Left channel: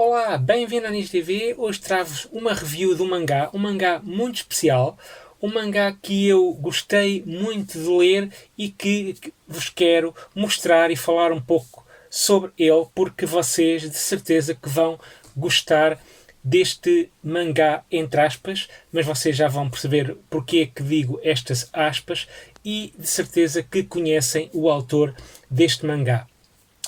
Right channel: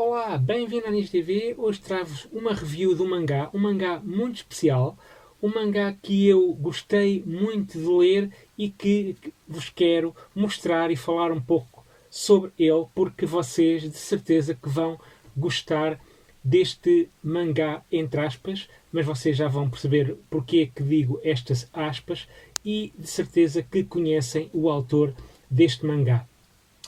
Olá, bem-vindo à Nis TV. Hoje trago-vos uma review de um mangá muito especial, um mangá que eu gostei muito de ler e que vos quero mostrar e falar um pouco sobre ele, porque vocês de certeza que vão gostar deste mangá, entre aspas, mas vocês já vão perceber porque é que digo estas aspas e de certeza que conhecem o autor deste mangá.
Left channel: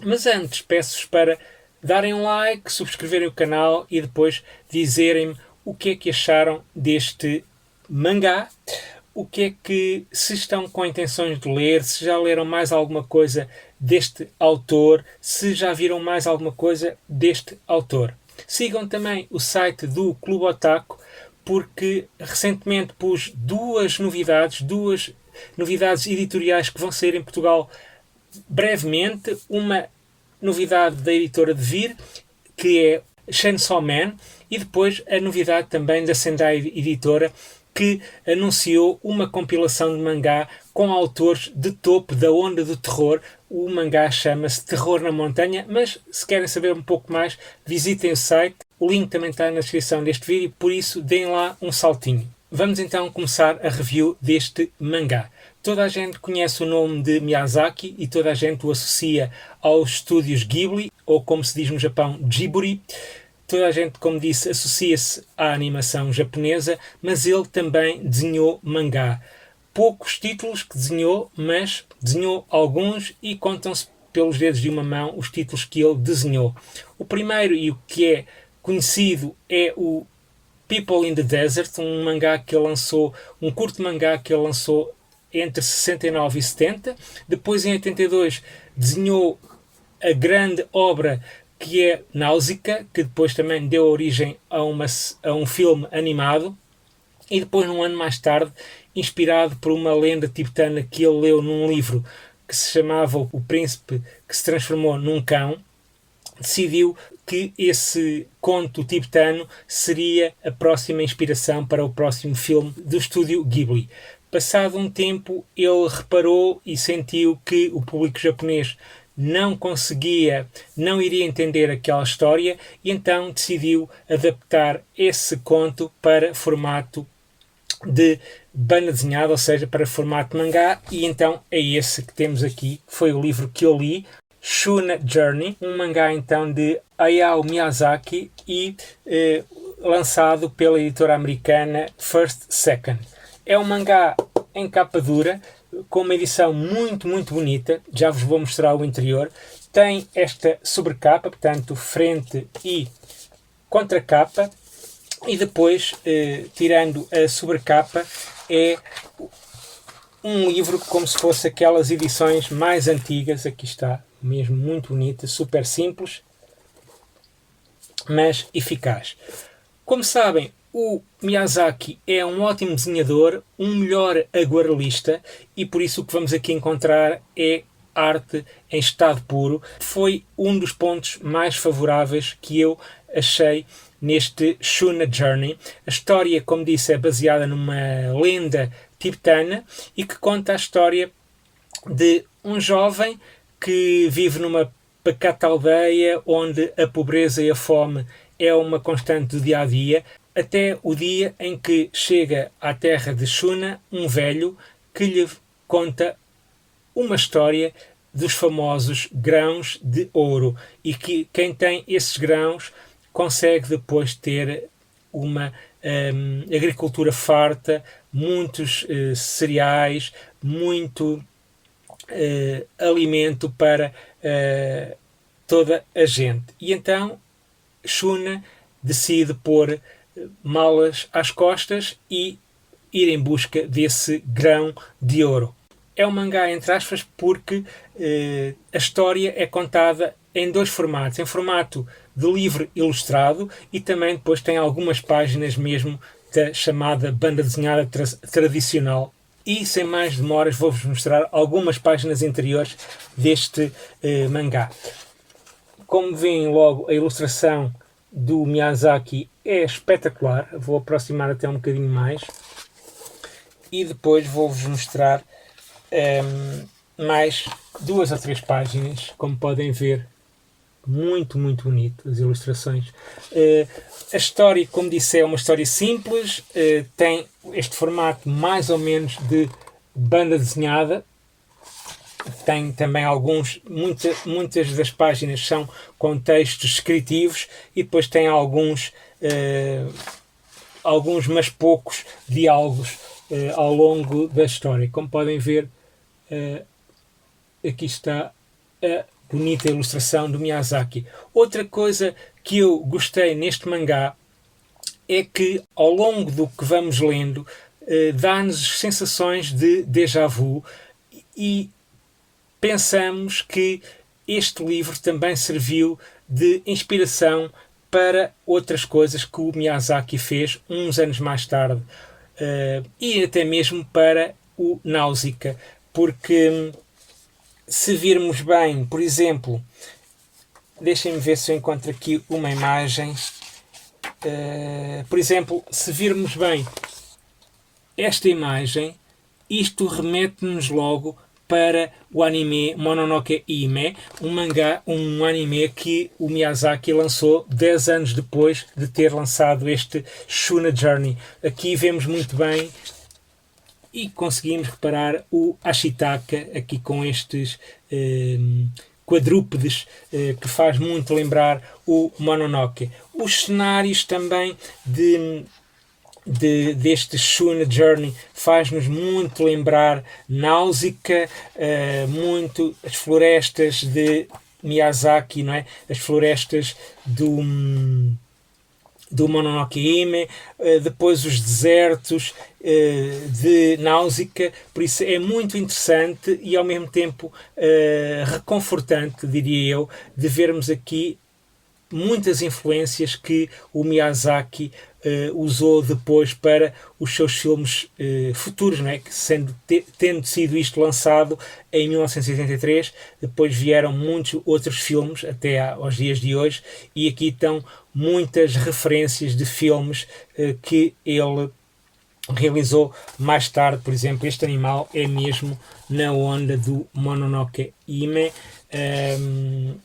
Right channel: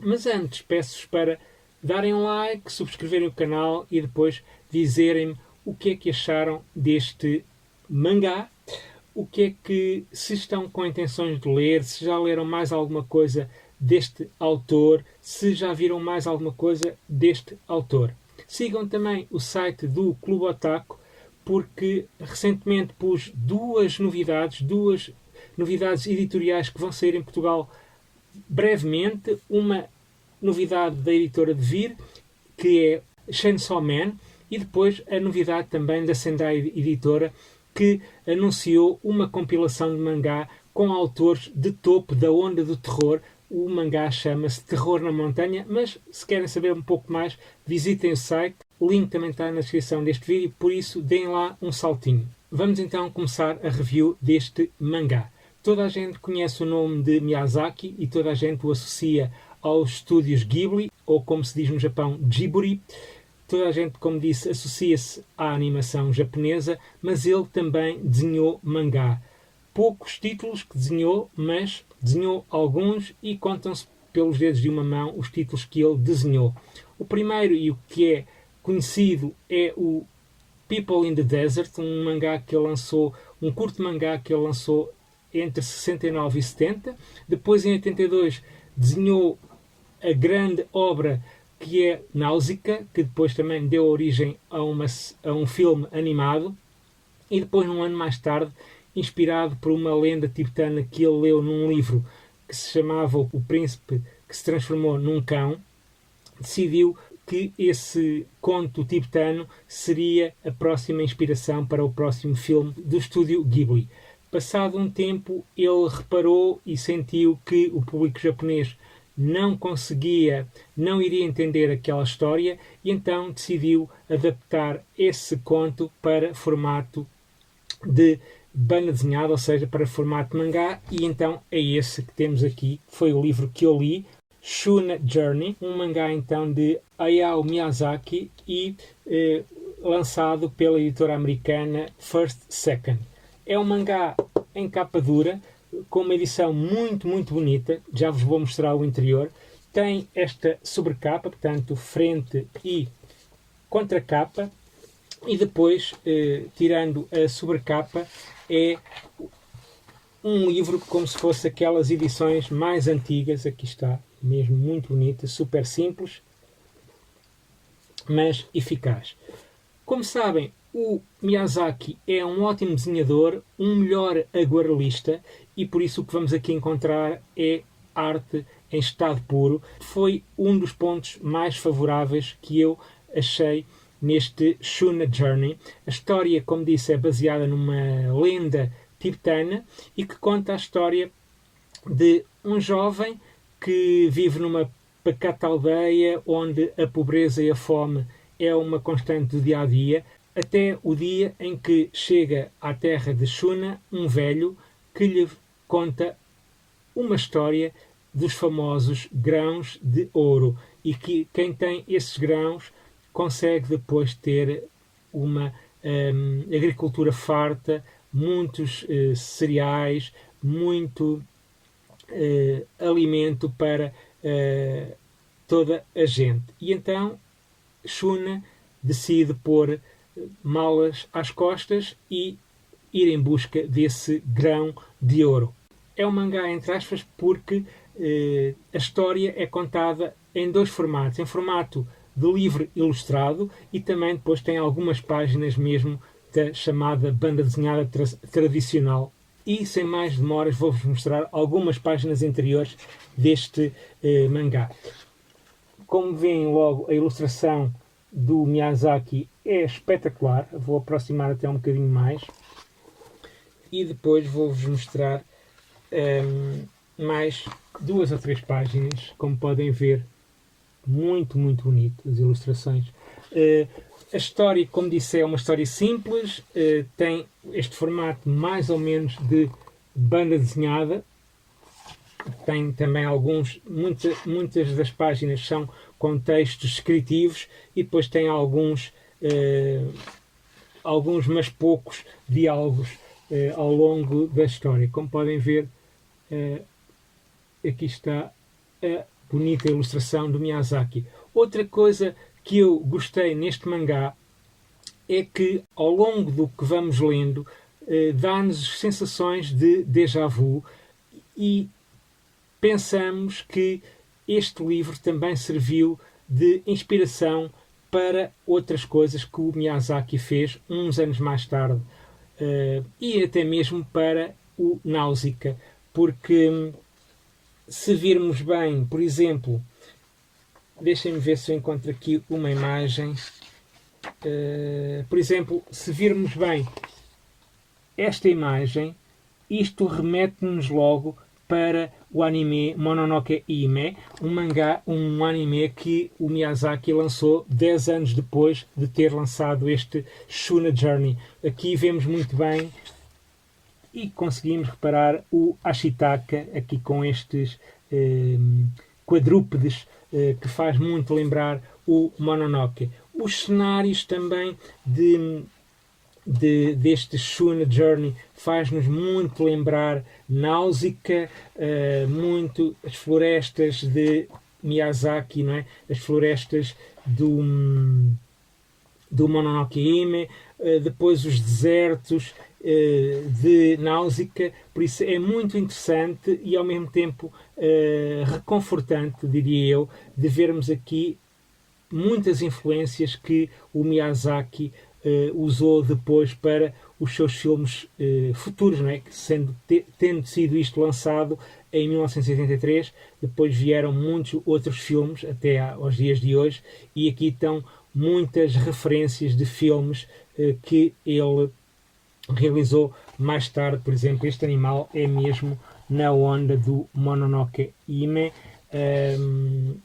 Mas antes, peço-vos para darem um like, subscreverem o canal e depois dizerem-me o que é que acharam deste mangá, o que é que, se estão com intenções de ler, se já leram mais alguma coisa deste autor, se já viram mais alguma coisa deste autor. Sigam também o site do Clube Otaku, porque recentemente pus duas novidades editoriais que vão sair em Portugal brevemente. Uma novidade da editora Devir, que é Chainsaw Man, e depois a novidade também da Sendai Editora, que anunciou uma compilação de mangá com autores de topo da onda do terror. O mangá chama-se Terror na Montanha, mas se querem saber um pouco mais, visitem o site. O link também está na descrição deste vídeo, por isso deem lá um saltinho. Vamos então começar a review deste mangá. Toda a gente conhece o nome de Miyazaki e toda a gente o associa aos estúdios Ghibli, ou como se diz no Japão, Ghibli. Toda a gente, como disse, associa-se à animação japonesa, mas ele também desenhou mangá. Poucos títulos que desenhou, mas desenhou alguns e contam-se pelos dedos de uma mão os títulos que ele desenhou. O primeiro e o que é conhecido é o People in the Desert, um mangá que ele lançou, um curto mangá que ele lançou entre 69 e 70. Depois, em 82, desenhou a grande obra que é Náusica, que depois também deu origem a um filme animado. E depois, num ano mais tarde, inspirado por uma lenda tibetana que ele leu num livro que se chamava O Príncipe que se Transformou num Cão, decidiu que esse conto tibetano seria a próxima inspiração para o próximo filme do estúdio Ghibli. Passado um tempo, ele reparou e sentiu que o público japonês não iria entender aquela história, e então decidiu adaptar esse conto para formato de banda desenhada, ou seja, para formato de mangá, e então é esse que temos aqui. Foi o livro que eu li, Shuna Journey, um mangá então de Hayao Miyazaki e lançado pela editora americana First Second. É um mangá em capa dura, com uma edição muito, muito bonita. Já vos vou mostrar o interior. Tem esta sobrecapa, portanto, frente e contracapa. E depois, tirando a sobrecapa, é um livro como se fosse aquelas edições mais antigas. Aqui está, mesmo muito bonita, super simples, mas eficaz. Como sabem, o Miyazaki é um ótimo desenhador, um melhor aguarelista, e por isso o que vamos aqui encontrar é arte em estado puro. Foi um dos pontos mais favoráveis que eu achei neste Shuna Journey. A história, como disse, é baseada numa lenda tibetana e que conta a história de um jovem que vive numa pacata aldeia onde a pobreza e a fome é uma constante do dia a dia, até o dia em que chega à terra de Shuna um velho que lhe conta uma história dos famosos grãos de ouro, e que quem tem esses grãos consegue depois ter uma agricultura farta, muitos cereais, muito alimento para toda a gente. E então Shuna decide pôr malas às costas e ir em busca desse grão de ouro. É um mangá entre aspas porque a história é contada em dois formatos, em formato de livro ilustrado, e também depois tem algumas páginas mesmo da chamada banda desenhada tradicional. E sem mais demoras vou-vos mostrar algumas páginas interiores deste mangá. Como veem logo, a ilustração do Miyazaki é espetacular. Vou aproximar até um bocadinho mais e depois vou-vos mostrar mais 2 ou 3 páginas. Como podem ver, muito, muito bonito, as ilustrações. A história, como disse, é uma história simples, tem este formato mais ou menos de banda desenhada. Tem também muitas das páginas são com textos descritivos e depois tem alguns, mas poucos diálogos ao longo da história. Como podem ver, aqui está a bonita ilustração do Miyazaki. Outra coisa que eu gostei neste mangá é que ao longo do que vamos lendo dá-nos sensações de déjà vu e pensamos que este livro também serviu de inspiração para outras coisas que o Miyazaki fez uns anos mais tarde e até mesmo para o Náusea, porque se virmos bem, por exemplo, deixem-me ver se eu encontro aqui uma imagem. Por exemplo, se virmos bem esta imagem, isto remete-nos logo para o anime Mononoke Hime, um anime que o Miyazaki lançou 10 anos depois de ter lançado este Shuna Journey. Aqui vemos muito bem e conseguimos reparar o Ashitaka aqui com estes quadrúpedes que faz muito lembrar o Mononoke. Os cenários também deste Shuna Journey faz-nos muito lembrar Náusea, muito as florestas de Miyazaki, não é? As florestas do Mononoke Hime, depois os desertos de Náusea, por isso é muito interessante e ao mesmo tempo reconfortante, diria eu, de vermos aqui muitas influências que o Miyazaki usou depois para os seus filmes futuros, não é? Tendo sido isto lançado em 1983, depois vieram muitos outros filmes até aos dias de hoje e aqui estão muitas referências de filmes que ele realizou mais tarde. Por exemplo, este animal é mesmo na onda do Mononoke Hime.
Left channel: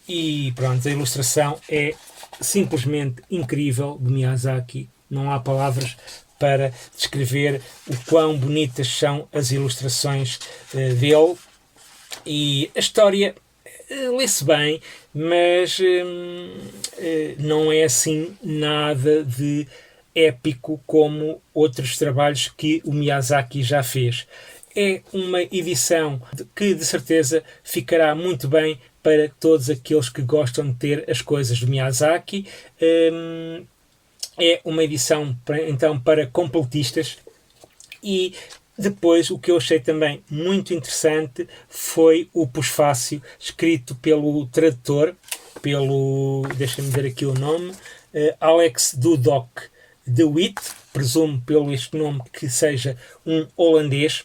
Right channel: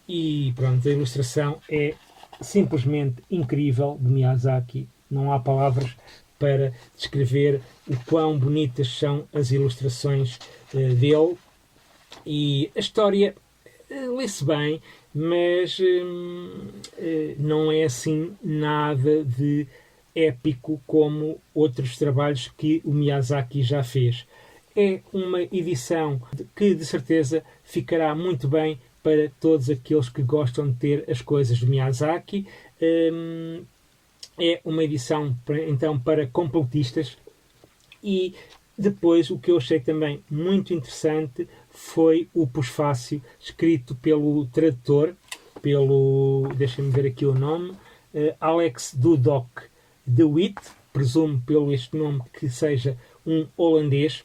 E pronto, a ilustração é simplesmente incrível de Miyazaki. Não há palavras para descrever o quão bonitas são as ilustrações dele. E a história lê-se bem, mas não é assim nada de épico como outros trabalhos que o Miyazaki já fez. É uma edição que de certeza ficará muito bem para todos aqueles que gostam de ter as coisas do Miyazaki. É uma edição então para completistas. E depois o que eu achei também muito interessante foi o pós-fácio escrito pelo tradutor, deixem-me ver aqui o nome, Alex Dudok de Witt, presumo pelo este nome que seja um holandês.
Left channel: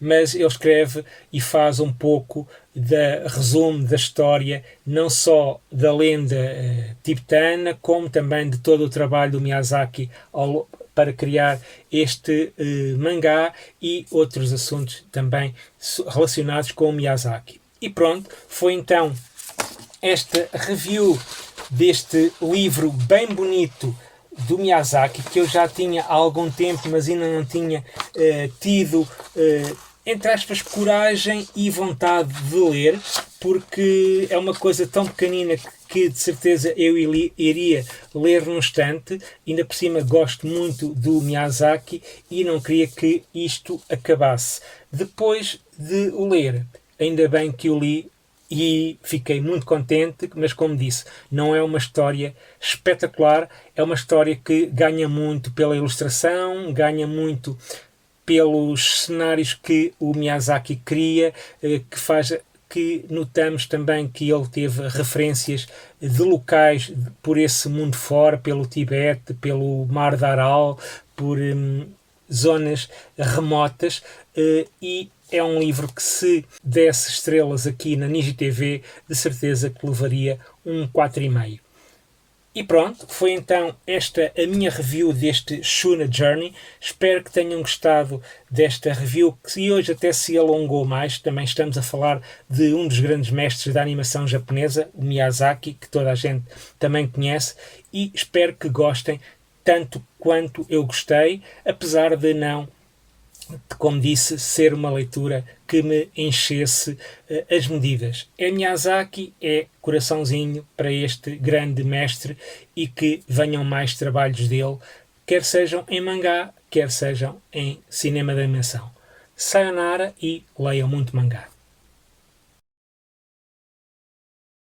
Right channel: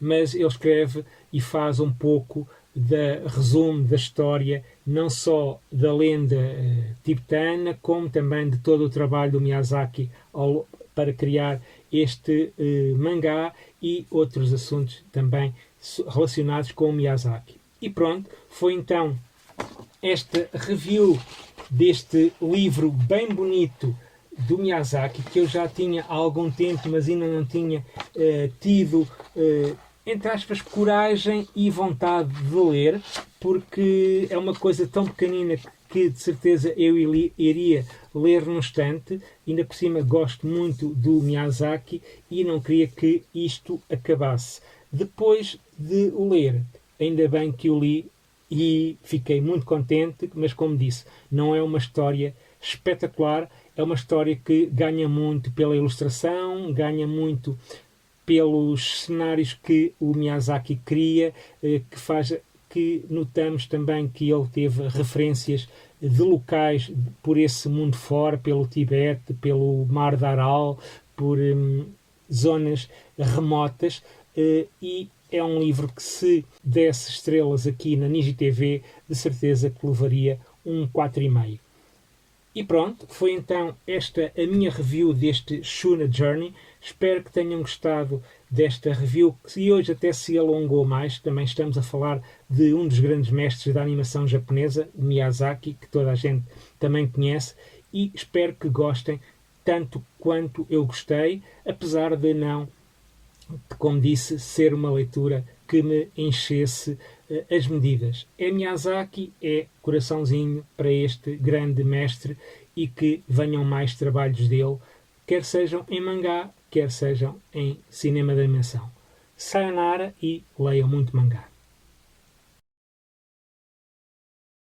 Mas ele escreve e faz um pouco de resumo da história, não só da lenda tibetana, como também de todo o trabalho do Miyazaki para criar este mangá e outros assuntos também relacionados com o Miyazaki. E pronto, foi então esta review deste livro bem bonito do Miyazaki, que eu já tinha há algum tempo, mas ainda não tinha tido, entre aspas, coragem e vontade de ler, porque é uma coisa tão pequenina que de certeza eu iria ler num instante. Ainda por cima gosto muito do Miyazaki e não queria que isto acabasse. Depois de o ler, ainda bem que o li, e fiquei muito contente, mas como disse, não é uma história espetacular, é uma história que ganha muito pela ilustração, ganha muito pelos cenários que o Miyazaki cria, que notamos também que ele teve referências de locais por esse mundo fora, pelo Tibete, pelo Mar de Aral, por zonas remotas, e é um livro que, se desse estrelas aqui na Niji TV, de certeza que levaria um 4,5. E pronto, foi então esta a minha review deste Shuna Journey. Espero que tenham gostado desta review, que hoje até se alongou mais. Também estamos a falar de um dos grandes mestres da animação japonesa, o Miyazaki, que toda a gente também conhece, e espero que gostem tanto quanto eu gostei, apesar de não, como disse, ser uma leitura que me enchesse as medidas. É Miyazaki, é coraçãozinho para este grande mestre, e que venham mais trabalhos dele, quer sejam em mangá, quer sejam em cinema de animação. Sayonara e leiam muito mangá.